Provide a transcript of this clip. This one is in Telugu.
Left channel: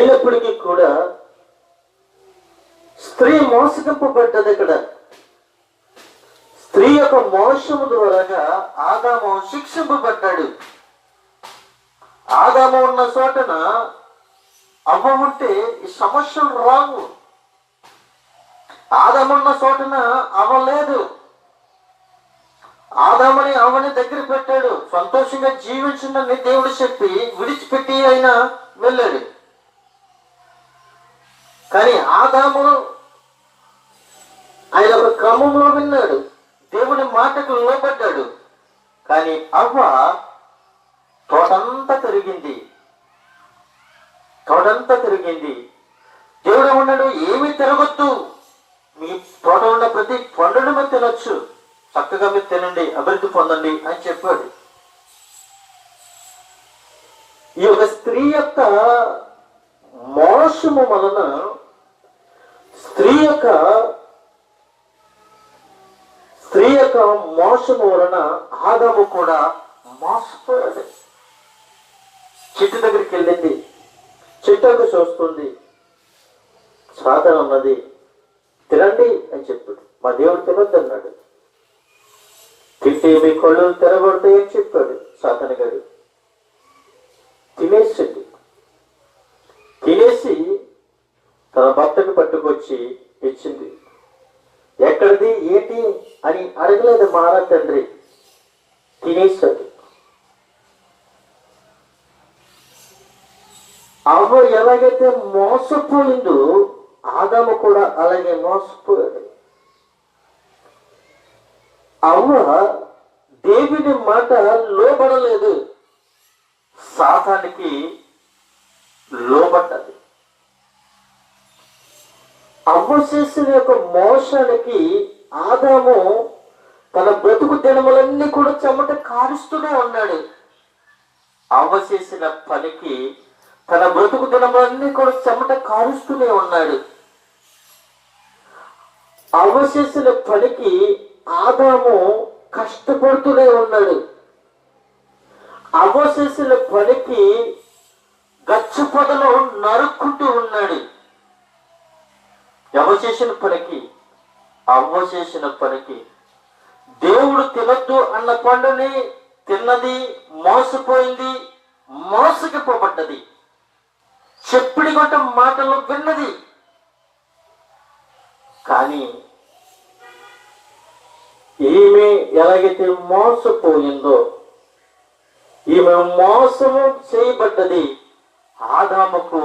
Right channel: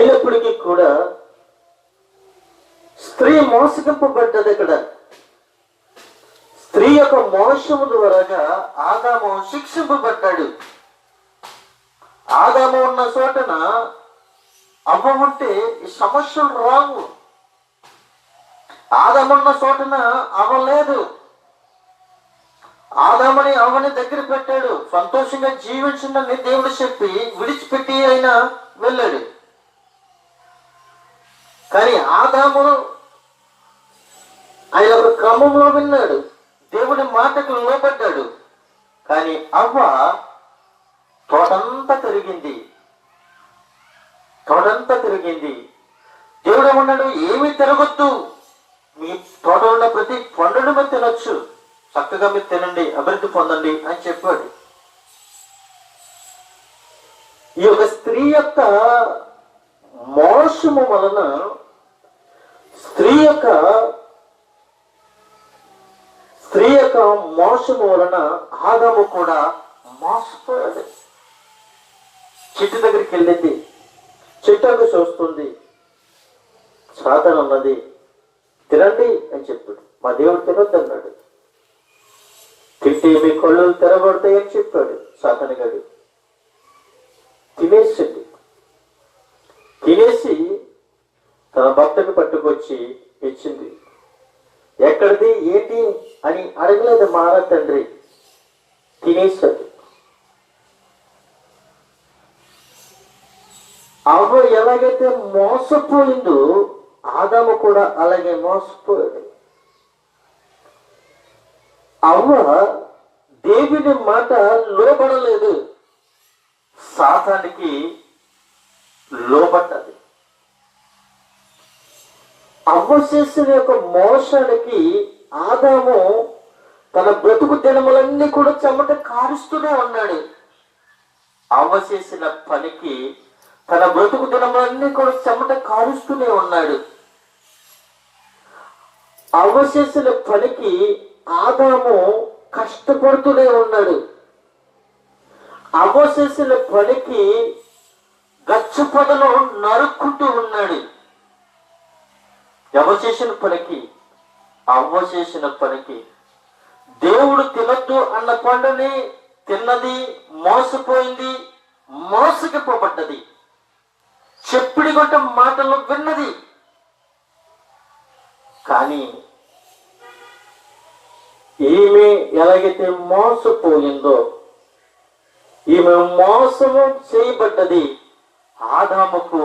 అయినప్పటికీ కూడా స్త్రీ మోసగింపబడ్డది. ఇక్కడ స్త్రీ యొక్క మోసము ద్వారాగా ఆదాము శిక్షింపబడ్డాడు. ఆదాము ఉన్న చోటన అవ్వ ఉంటే ఈ సమస్యలు రావు. ఆదాము ఉన్న చోటన అవ్వ లేదు. ఆదాముని అవ్వని దగ్గర పెట్టాడు. సంతోషంగా జీవించిందని దేవుడు చెప్పి విడిచిపెట్టి అయినా వెళ్ళాడు. కానీ ఆదాము ఆయన ఒక క్రమంలో విన్నాడు, దేవుని మాటకు లోబడ్డాడు. కానీ అవ్వ తోటంతా తిరిగింది. దేవుడు అన్నాడు, ఏమీ తిరగొద్దు, మీ తోటలో ప్రతి పండును మీరు తినొచ్చు, చక్కగా మీరు తినండి, అభివృద్ధి పొందండి అని చెప్పాడు. ఈ యొక్క స్త్రీ యొక్క మోసము వలన, స్త్రీ యొక్క మోసము వలన ఆదాము కూడా మోసపోయాడు. చెట్టు దగ్గరికి వెళ్ళింది, చెట్టు చూస్తుంది, సాతాను అన్నది తినండి అని చెప్పాడు. మా దేవుడు తినొద్దు అన్నాడు. తింటే మీ కళ్ళు తెరబడతాయని చెప్పాడు సాతాను గారు. తినేసింది. తినేసి తన భర్తకు పట్టుకొచ్చి ఇచ్చింది. ఎక్కడిది ఏంటి అని అడగలేదు మారా తండ్రి, తినేసాడు. అవ్వ ఎలాగైతే మోసపోయిందో ఆదాము కూడా అలాగే మోసపోయాడు. అవ్వ దేవుని మాట లోబడలేదు, సాతానికి లోబడ్డది. అవ్వ చేసిన యొక్క మోసానికి ఆదాము తన బ్రతుకు దినములన్నీ కూడా చెమట కారుస్తూనే ఉన్నాడు. అవ్వ చేసిన పనికి తన బ్రతుకు దినములన్నీ కూడా చెమట కారుస్తూనే ఉన్నాడు. అవ్వ చేసిన పనికి ఆదాము కష్టపడుతూనే ఉన్నాడు. అవ్వ చేసిన పనికి గచ్చు పొదలో నరుక్కుంటూ ఉన్నాడు. ఎవరు చేసిన పనికి? అవ్వ చేసిన పనికి. దేవుడు తినొద్దు అన్న పండుని తిన్నది, మోసపోయింది, మోసగిపోబడ్డది. చెప్పిడి గొట్ట మాటలు విన్నది. కానీ ఈమె ఎలాగైతే మోసపోయిందో, ఈమె మోసము చేయబడ్డది. ఆదాముకు